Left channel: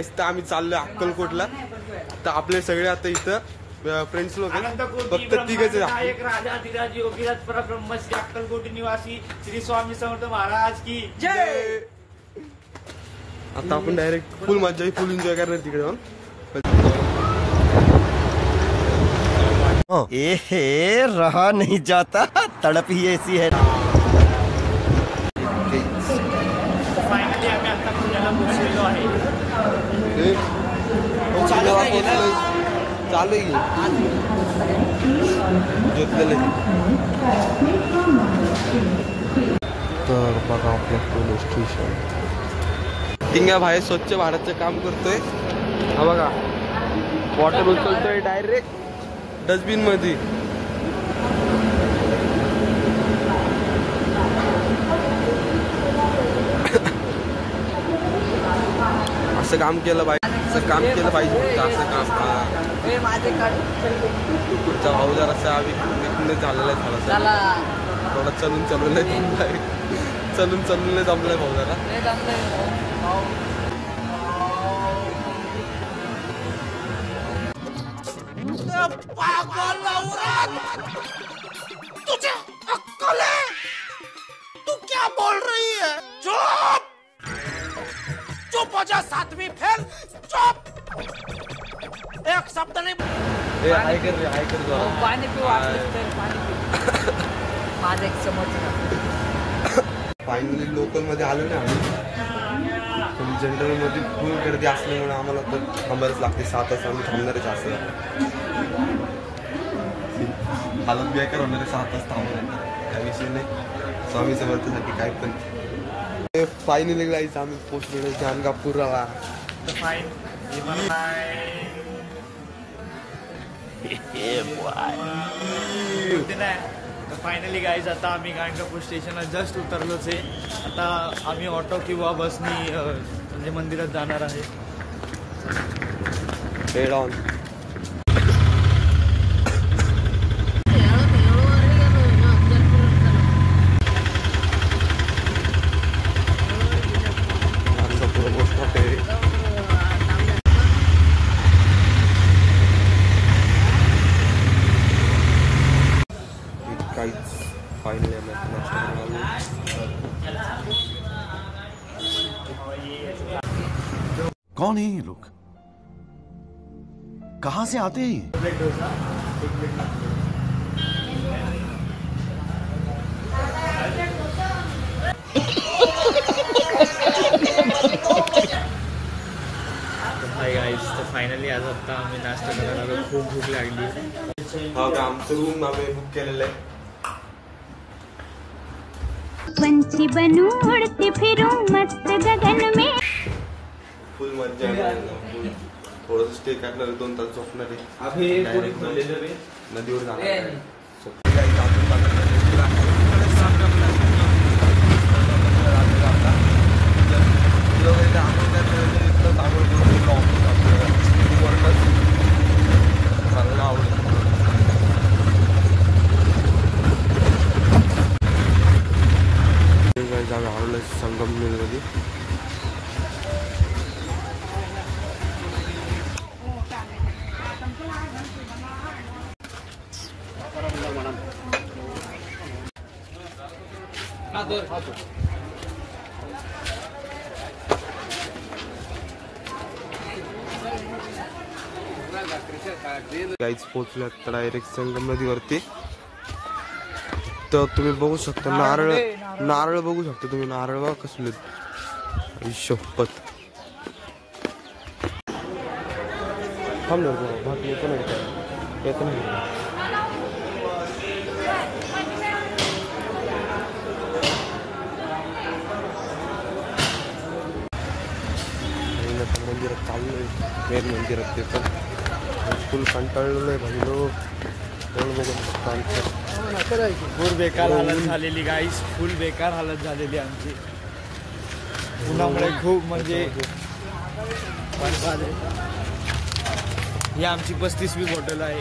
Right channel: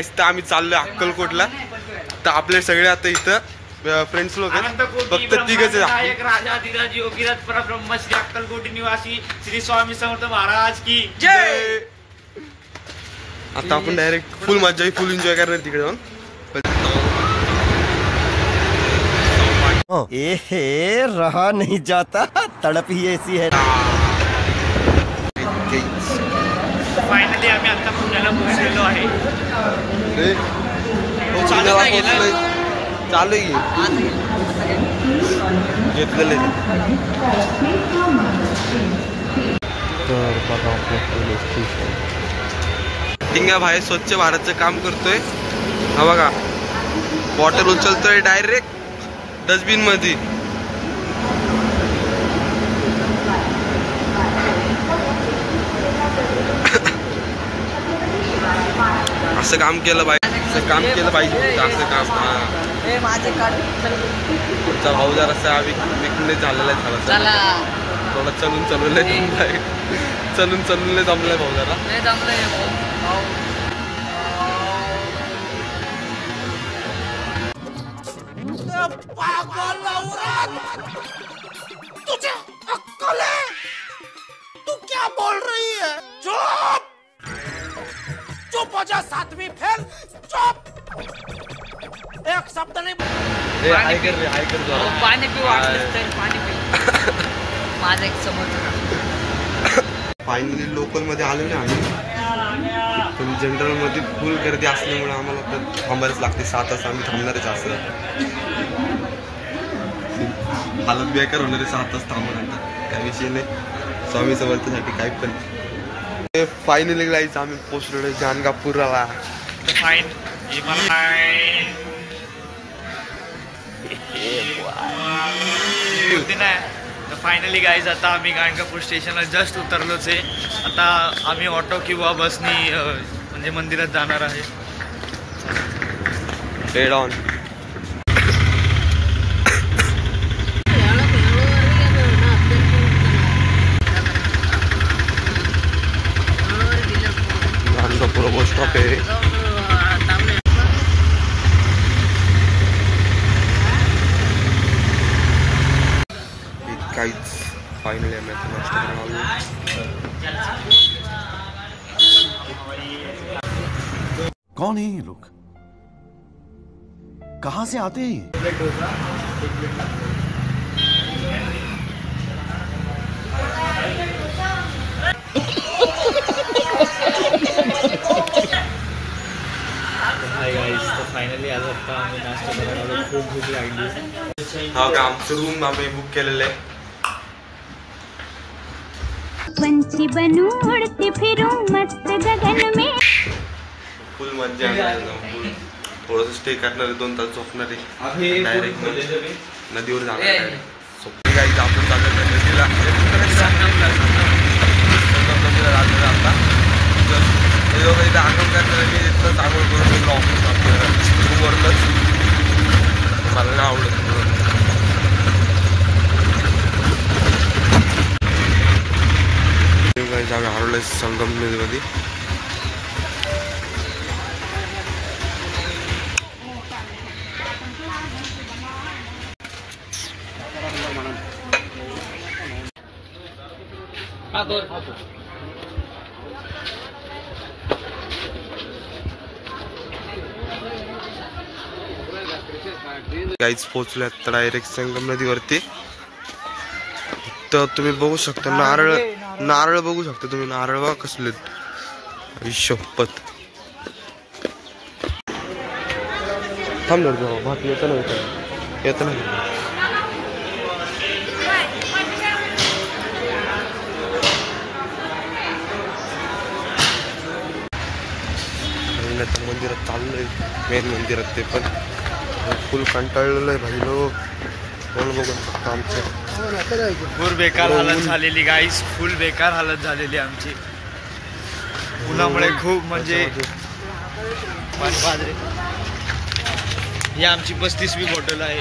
आम्ही चाललोय अक्कलकोटला. तर आपले सगळे आता इथं फ्रेंड्स लोक फक्त तिघच एक राजाधिराज योगीराज परब्रह्म श्री अक्कलकोटी निवासी श्री स्वामी समर्थ महाराज की जय. आता आपण डायरेक्ट फुल मजा फुल एन्जॉय करणार तिकडे जाऊन. ए रहा नहीं जाता, तड़प ही ऐसी है. फायनली आम्ही आता पुण्याला पोहोचलेलो आहे. चालू घेतलेलं. तर बघा आपलं पोलीस स्टेशन. टिंगा भाई स्वच्छ भारतचं काम करतोय. हा बघा बॉटल उचलतोय डायरेक्ट डस्टबिन मध्ये. असं काम केलं पाहिजे, असं काम केलं पाहिजे, असं काम. तुमचा भाऊ जरा विकणे झालेला आहे थोडा चलून जमलाय. चलून जमलाय भाऊ जरा. तुझे अक्कल है? तू क्या बोल रही है? चुप चुप हो जा. 7वीं फेल. चुप. एक शब्द नाही. हाय कर जरा. पाणी पिऊ वाटलं तर पाणी पिऊ. माझा एक समोर. फायनली लोकल मध्ये आलो ना आम्ही. पण जनरल मध्ये फुल गर्दी असल्यामुळे आम्हाला तर थांबायलाच लागते. 7 तास आम्ही थांबणारच. असं हालत बेकार होणार आहे 7 तास थांबल्यानंतर. काही विषय नाही. स्वामी समर्थासाठी काय पण. फायनली जायचं आम्ही पोचलो गाणगापूरला. फायनली गाईज आता आम्ही गाणगापूर स्टेशनला जस्ट उतरलोच आहे. आता आम्ही ऑटो किंवा बसनी म्हणजे मंदिरात जाणार आहे. Head on. काहीच फायनली आम्ही आता नाश्ता करायला आलो. कौन है ये लोग? कहाँ से आते हैं? Hi guys. तर फायनली आज आता आम्ही नाश्ता करायला आलो. खूप भूक लागली. हा का आमचं रूम आम्ही बुक केलेलं आहे. पंछी बनूं उड़ती फिरूं मस्त गगन में. फुल मजा येणार. थोडंसं स्टे करणार आहे. 2 तास झोपणार आहे. डायरेक्ट नदीवर जाणार आहे. काही आपण जाणार नदीला. संगमला जाणार आता. हे लोक इथे आंघोळ करणार. मी इथलंच आंघोळ करून गेलो ऑफिस आपल्या रूमवरच. मला नाही आवडत. आम्ही हरवलं संगमनेरमध्ये. गाईज पोहोचले आता डायरेक्ट संगम नदीवरती. तर तुम्ही बघू शकता नारळ बघू शकता तुम्ही. नारळ बघा कसले शपथ. थांब येत नाही. मंदिरात चाललंय. मेन मंदिरात ते पण फुल कंटाळलेलं आहे भाई लोक. बघू शकता आमचं. फुल बेकार हालत झालेली गाईस. फुल बेकार हालत झालेली आमची उन्हामुळे. खूप म्हणजे ही आमची 35वी बॉटल आहे.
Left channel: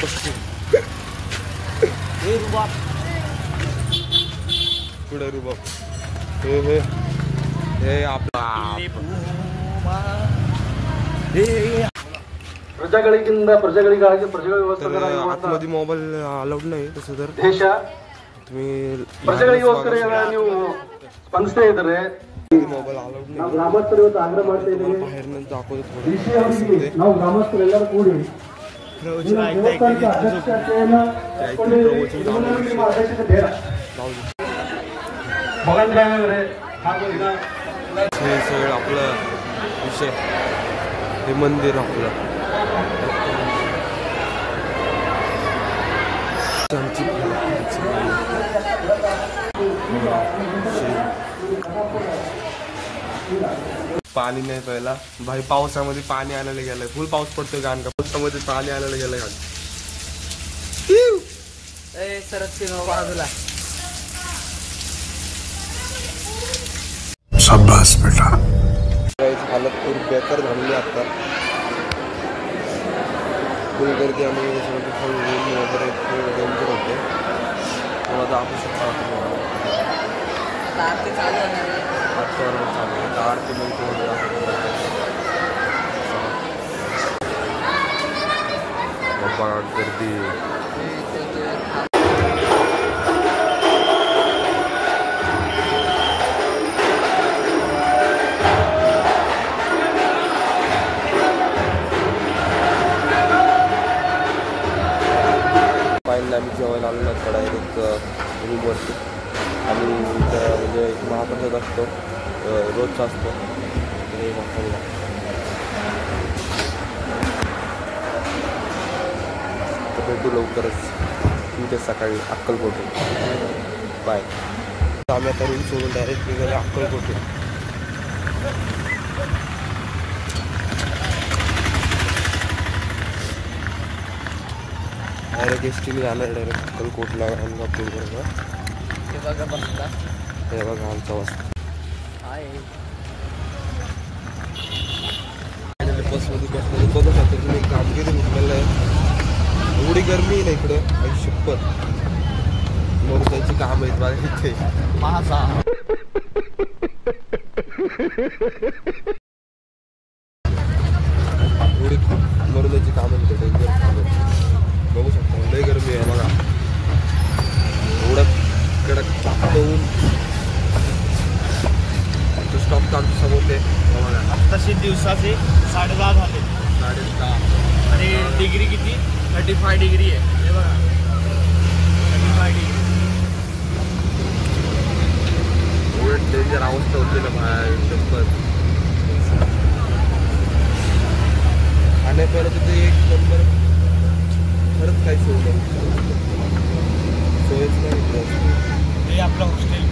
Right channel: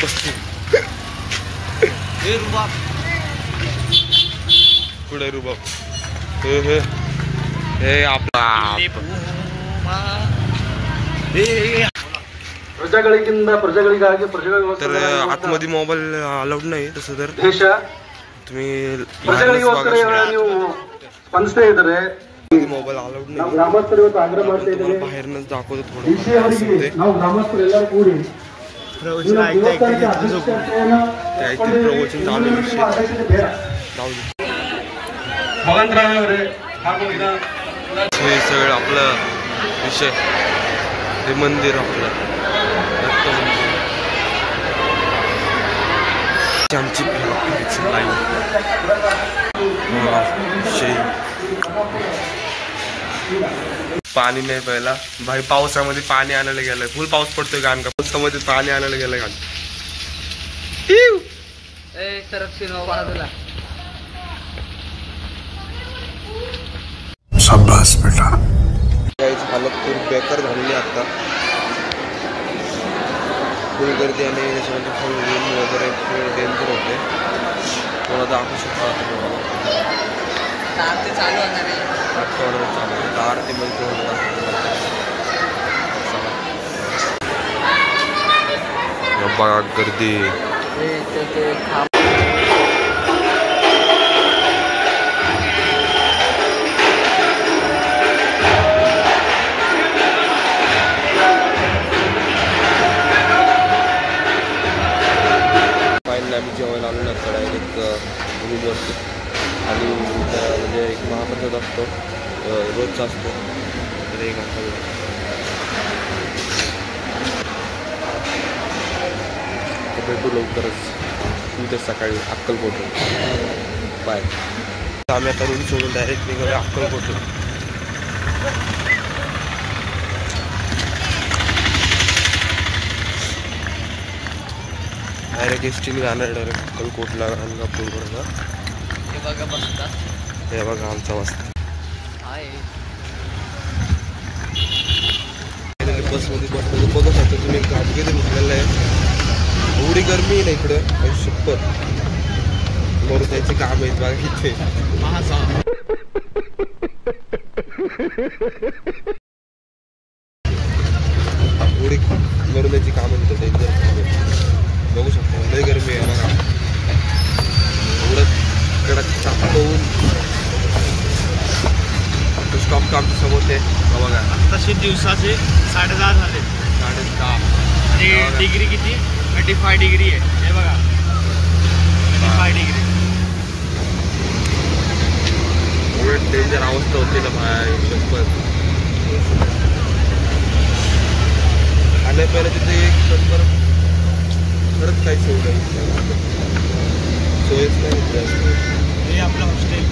35. हे रुबाब. पुढे रुबाब. हे आपला तर आतमध्ये मोबाईल अलाउड नाही तसं तर तुम्ही मोबाईल अलाउड नाही तुम्हाला बाहेरनच दाखवतो थोडं प्रवचन चालू हे सगळं आपलं विषय हे मंदिर आपलं आमची लाईन पाणी नाही प्यायला भाई पावसामध्ये पाणी आणायला गेलंय फुल पाऊस पडतोय गाण का पावसामध्ये पाणी आणायला गेलंय गाण शाबाश बेटा हालत खूप बेकार झालेली आता फुल गर्दी आणि त्याच्यामध्ये फुल ऊन वगैरे फुल डेंजर होते थोडा दाखवू शकतो आरती चालू आहे आरतीमध्ये थोडं बघा गर्दी फायनली आम्ही जेवायला आलेलो असतो डायरेक्ट रूमवरती आणि म्हणजे एक महाप्रसाद असतो रोजचा असतो तर एक भेटू लवकरच उद्या सकाळी अक्कलकोटून बाय आम्ही आता रूम सोडून डायरेक्ट निघालो अक्कलकोटून डायरेक्ट एसटीने जाणार डायरेक्ट अक्कलकोटला गाणगापूरवरनं हे बघा आमचा वस्ती बसमध्ये बसमध्ये बघू शकता तुम्ही काम किती उठलेलं आहे एवढी गरमी आहे ना इकडं आणि शपथ मरून जायचे काम आहेत बघा इथे एवढी मरून जायची काम आहे डेंजर काम आहे बघू शकता लय गरमी आहे बघा एवढं कडक चापवून स्टॉप काम समोर ते बघा तसे दिवसाचे 10:30 झाले 10:30 आणि डिग्री किती 35 डिग्री आहे हे बघा 35 डिग्री एवढं डेंजर अवस्था होती ना भाई शपथ खाण्यापिण्याचे ते एक नंबर खरंच काही सोय नाही सोयच नाही हे आपलं हॉस्टेल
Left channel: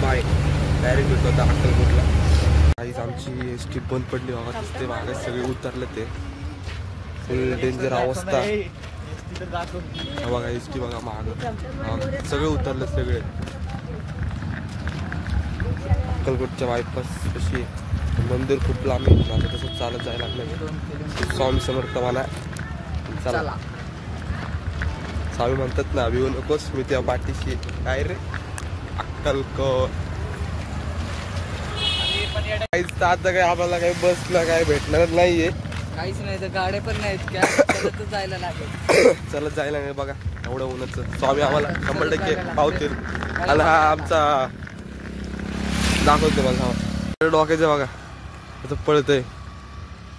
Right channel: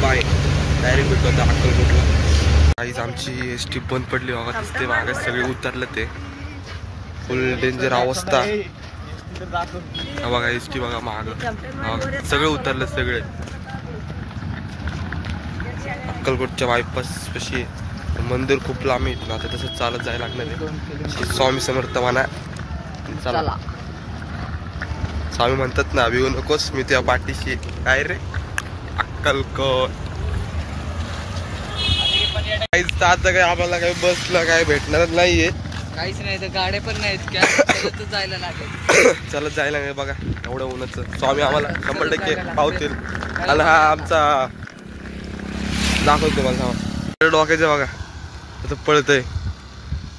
बाय डायरेक्ट भेटतो आता अक्कलकोटला काहीच आमची एस टी बंद पडली बघा दिसते मागे सगळे उतरले ते फुल डेंजर अवस्था बघा एस टी बघा माग सगळे उतरले सगळे अक्कलकोटच्या बायपास कशी मंदिर खूप लांब आहे ना आता तसंच चालत जायला लागणार आहे स्वामी समर्थ म्हणा चला स्वामी म्हणतात ना भिवू नकोस मी त्या पाठीशी काय रे अक्कलकोट काहीच आता काही आम्हाला काही बसला काय भेटणारच नाहीये काहीच नाही ते गाड्या पण नाहीत जायला लागेल चालत जायला नाही बघा एवढं उन्हाचं स्वामी आम्हाला 100% पावतील आणि हा आमचा दाखवतो तुम्हाला डोक्याचं बघा आता पळतय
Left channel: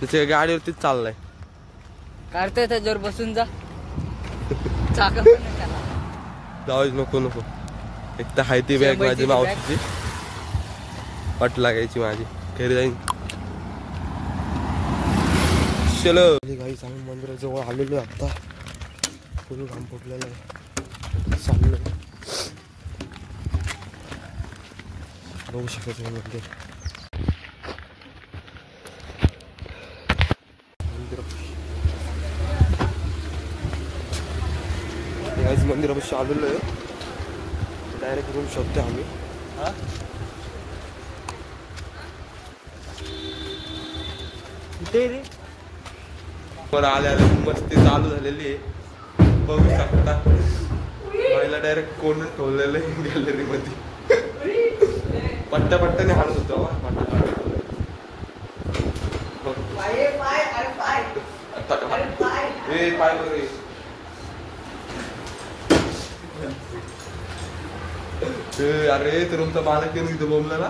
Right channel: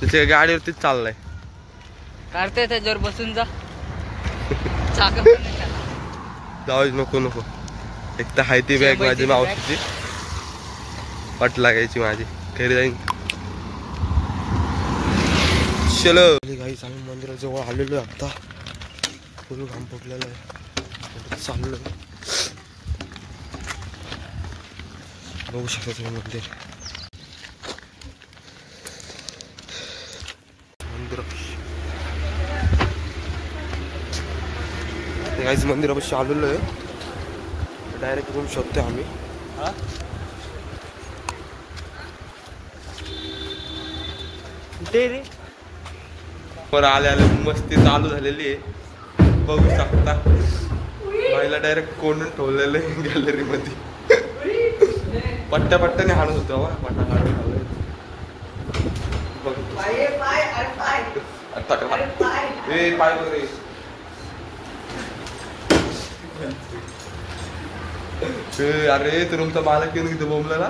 तिथे गाडीवरतीच चाललाय काढते त्याच्यावर बसून जा जाऊ नको नको एक तर हाय ती बॅग माझी मावशीची वाट लागायची माझी घरी जाईन चलो गाईस आम्ही मंदिराजवळ आलेलो आहे आता फुल घाम फुटलेला आहे चाललोय बघू शकता तुम्ही मंदिर गाईस मंदिरापाशी आलेलो आहे डायरेक्ट रूम शोधतोय आम्ही वर आले आले मस्ती चालू झालेली आहे बघू शकता बाईला डायरेक्ट कोंडून ठेवलेलं आहे गॅलरी मध्ये पट्ट्याने हाणत होतो पाय वगैरे अरे तर तुमचा मालक येऊन इथे बोंबला ना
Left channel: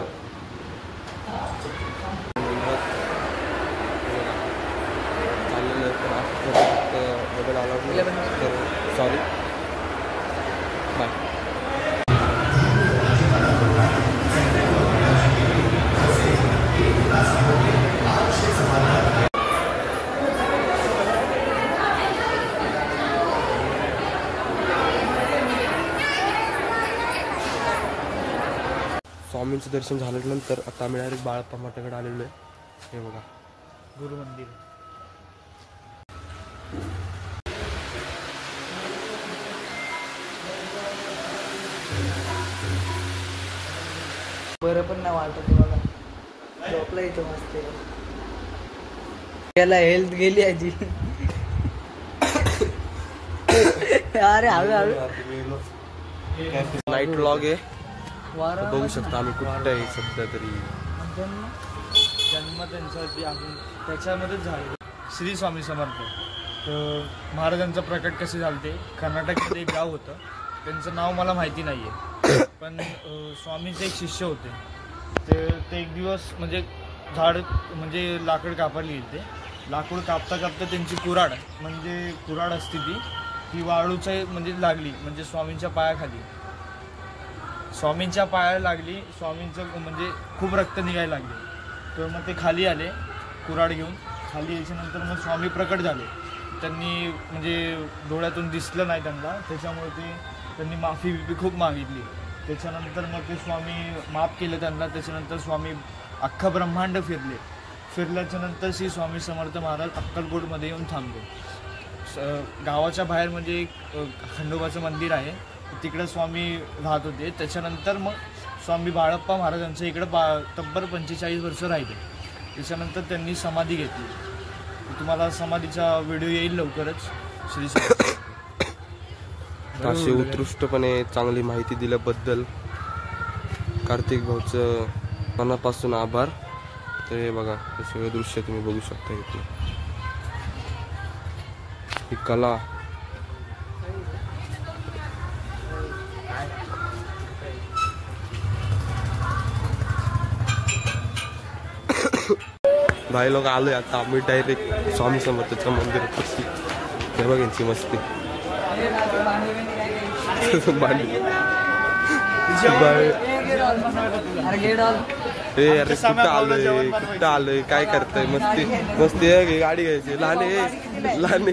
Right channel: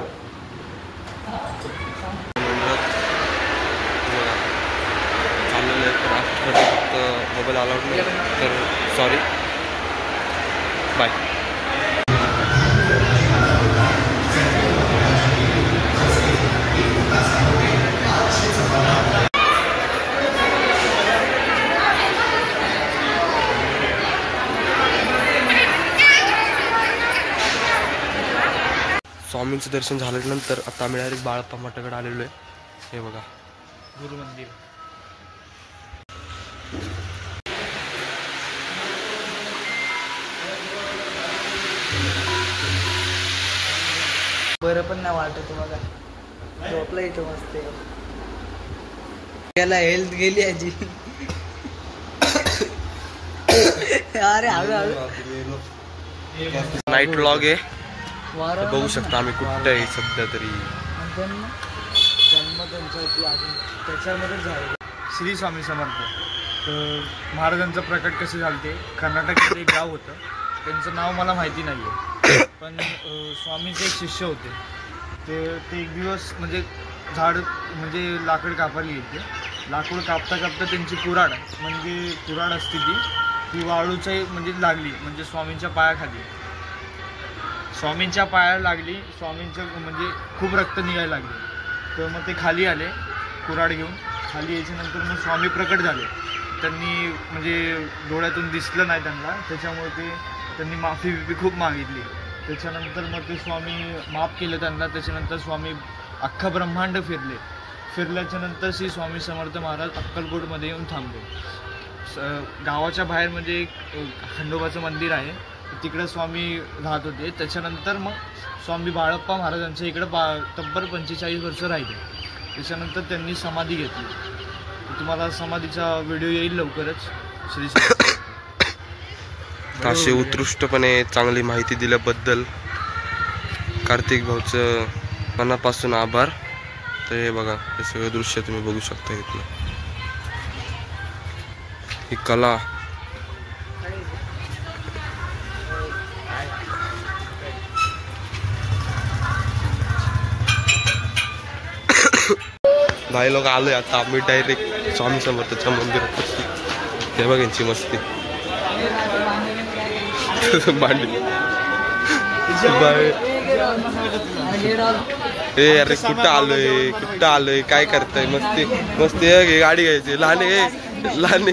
चाललेलं आहे पण आज फक्त मोबाईल अलाउड नाही तर सॉरी बाय. स्वामींचं दर्शन झाल्यानंतर आता आम्ही डायरेक्ट बाळप्पा मठाकडे आलेलो आहे. हे बघा गुरु मंदिर. बरं पण नाही वाटत बघा. झोपला इथं मस्त. त्याला हेल्थ गेली आजी. अरे हळू नाईट व्लॉग आहे. बघू शकता आम्ही कुठं आहे सध्या तरी. जन्म त्यांचा त्याच्यामध्ये झाला. श्री स्वामी समर्थ. तर महाराजांचं प्रकट कसे झाले ते कर्नाटकात एक गाव होतं. त्यांचं नाव मला माहिती नाही आहे पण स्वामीचे एक शिष्य होते. ते एक दिवस म्हणजे झाड म्हणजे लाकड कापायला गेले. लाकूड कापता कापता त्यांची कुऱ्हाड म्हणजे कुऱ्हाड असते ती वाळूच्या म्हणजे लागली म्हणजे स्वामींच्या पायाखाली. स्वामींच्या पायाला लागली. स्वामींचं म्हणजे खूप रक्त निघायला लागले. तर मग ते खाली आले कुऱ्हाड घेऊन. खाली याच्यानंतर मग स्वामी प्रकट झाले. त्यांनी म्हणजे डोळ्यातून दिसलं नाही त्यांना त्याच्यामुळे त्यांनी माफी खूप मागितली. त्याच्यानंतर मग ते स्वामी माफ केलं त्यांना. त्याच्यानंतर स्वामी अख्खं ब्रह्मांड फिरल्याच्यानंतर श्री स्वामी समर्थ महाराज अक्कलकोटमध्ये येऊन थांबले. गावाच्या बाहेर म्हणजे एक खंडोबाचं मंदिर आहे तिकडं स्वामी राहत होते. त्याच्यानंतर मग स्वामी बाळप्पा महाराजांच्या इकडं तब्बल 45 वर्ष राहिले. त्याच्यानंतर त्यांनी समाधी घेतली. तुम्हाला समाधीचा व्हिडिओ येईल लवकरच. श्री असे उत्कृष्टपणे चांगली माहिती दिल्याबद्दल कार्तिक भाऊचं मनापासून आभार. तर हे बघा हे सगळं दृश्य तुम्ही बघू शकता इथलं. ही कला भाई लोक आलोय आता आम्ही डायरेक्ट स्वामी समर्थाच्या मंदिरात. हे बघ यांची मस्ती भांडी. ए अरे कुठं आलोय काय करताय. मस्ती मस्ती गाडी घ्यायची. लहान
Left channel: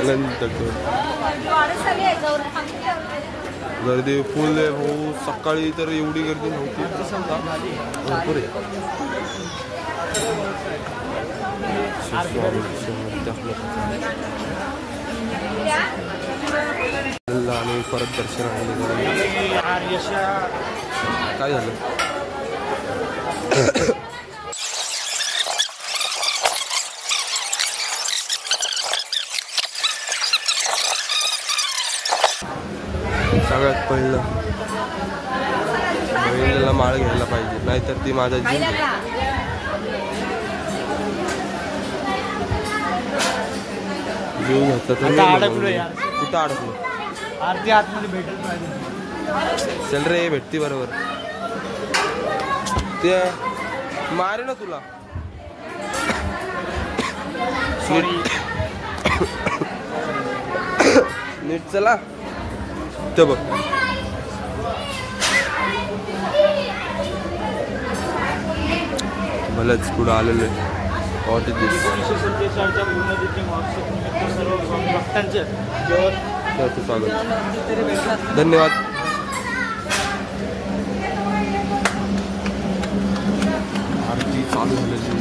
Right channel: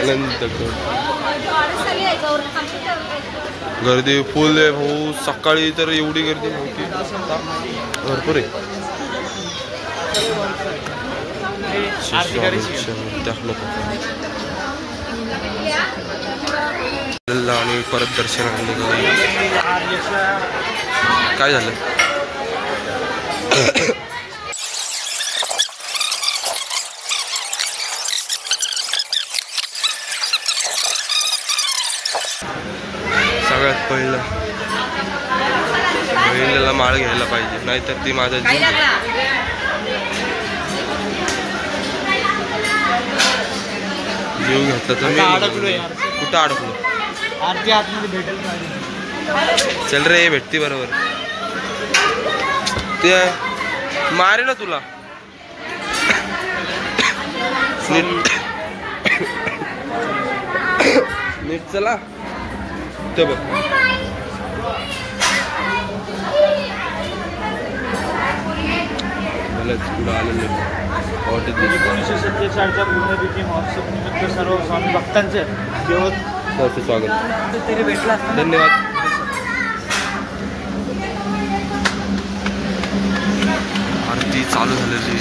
आनंद गर्दी फुल आहे भाऊ. सकाळी तर एवढी गर्दी नव्हती भरपूर आहे. आणि परत दर्शनाला निघालं. काय झालं सगळ्यात पहिलं बैलाला माळ घ्यायला पाहिजे नाहीतर ती माझा जीव घेतला तर मी कुठं अडकलो. आरती आतमध्ये भेटेल पाहिजे. चल रे भेटती बरोबर. ते मारे ना तुला नीट चला ते बघ. मलाच पुढं आलेलं आहे. 1947च्या पुण्यतिथी महोत्सव निमित्त सर्व स्वामी भक्तांचे जेवण स्वागत. धन्यवाद. आरती चालू झालेली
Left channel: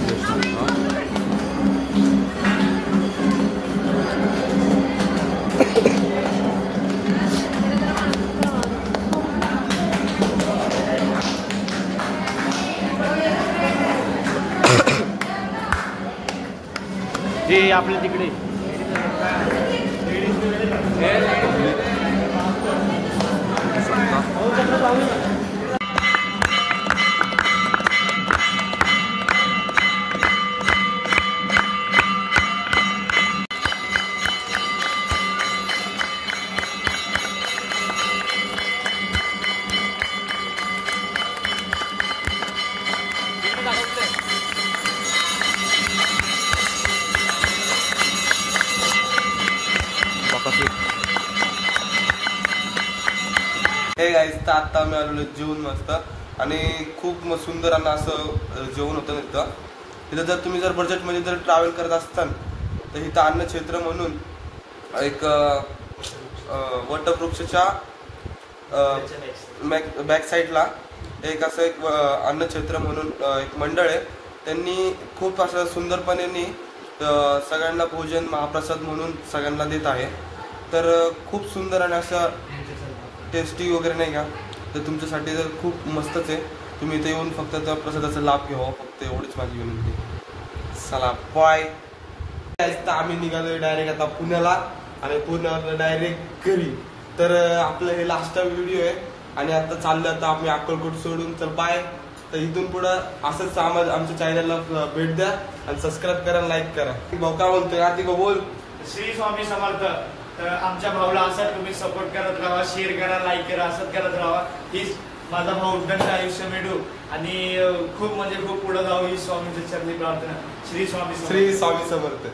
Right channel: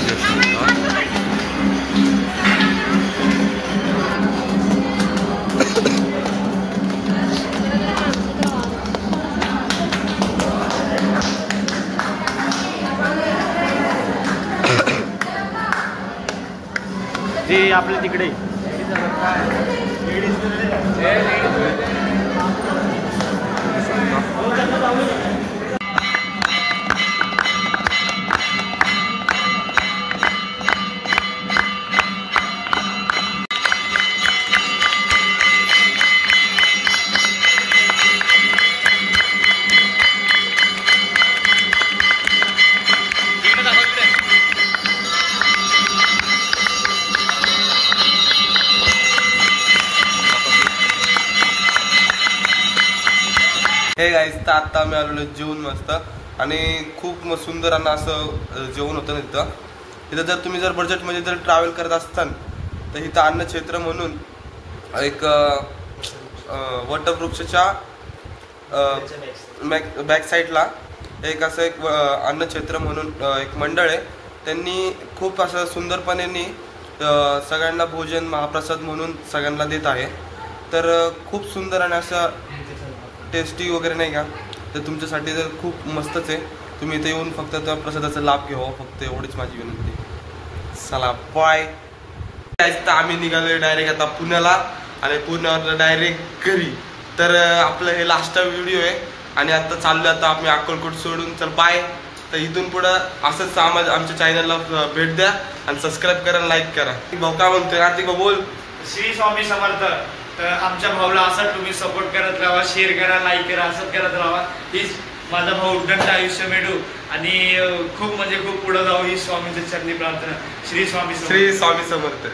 जे आपल्या तिकडे हे गाईस, तर आता आम्ही आलेलो जेवण मस्त आणि खूप सुंदर आणि असं जेवण होतं तिथं. तिथं जर तुम्ही बजेटमध्ये जर ट्रॅव्हल करत असताल तर इथं अन्नक्षेत्र म्हणून एक वटवृक्षाच्या बॅक साईडला एक असं एक अन्नक्षेत्र म्हणून एक मंडळ आहे. त्यांनी खूप असं सुंदरपणे सगळ्यांना भोजन महाप्रसाद म्हणून सगळ्यांना देत आहे. तर खूप सुंदर आणि असं टेस्टी वगैरे नाही का, तर तुमच्यासाठी जर खूप मस्तच आहे. तुम्ही इथे येऊन फक्त त्या प्रसादाचा लाभ घ्यावा, फक्त एवढीच माझी विनंती. चला बाय. तर आम्ही निघालोय डायरेक्ट आता पुण्याला आणि पुण्यावर डायरेक्ट घरी. तर आपलं हे लास्ट व्हिडिओ आहे आणि आता चाललो आता आम्ही अक्कलकोट सोडून. चल बाय. तर इथून पुढं असंच आमच्या चॅनलला भेट द्या आणि सबस्क्राईब करा, लाईक करा. भाऊ काय म्हणतोय? कार्तिक भाऊ बोल. श्री स्वामी समर्थ. तर आमच्या भाऊला असं तुम्ही सपोर्ट करत राहा, शेअर करा, लाईक करा, असंच करत राहा. हीच माझा भाऊ उद्दंड आयुष्य मिळू आणि खूप म्हणजे खूप पुढे जाऊ, ही स्वामीच्या चरणी प्रार्थना. श्री स्वामी समर्थ. श्री स्वामी समर्थ.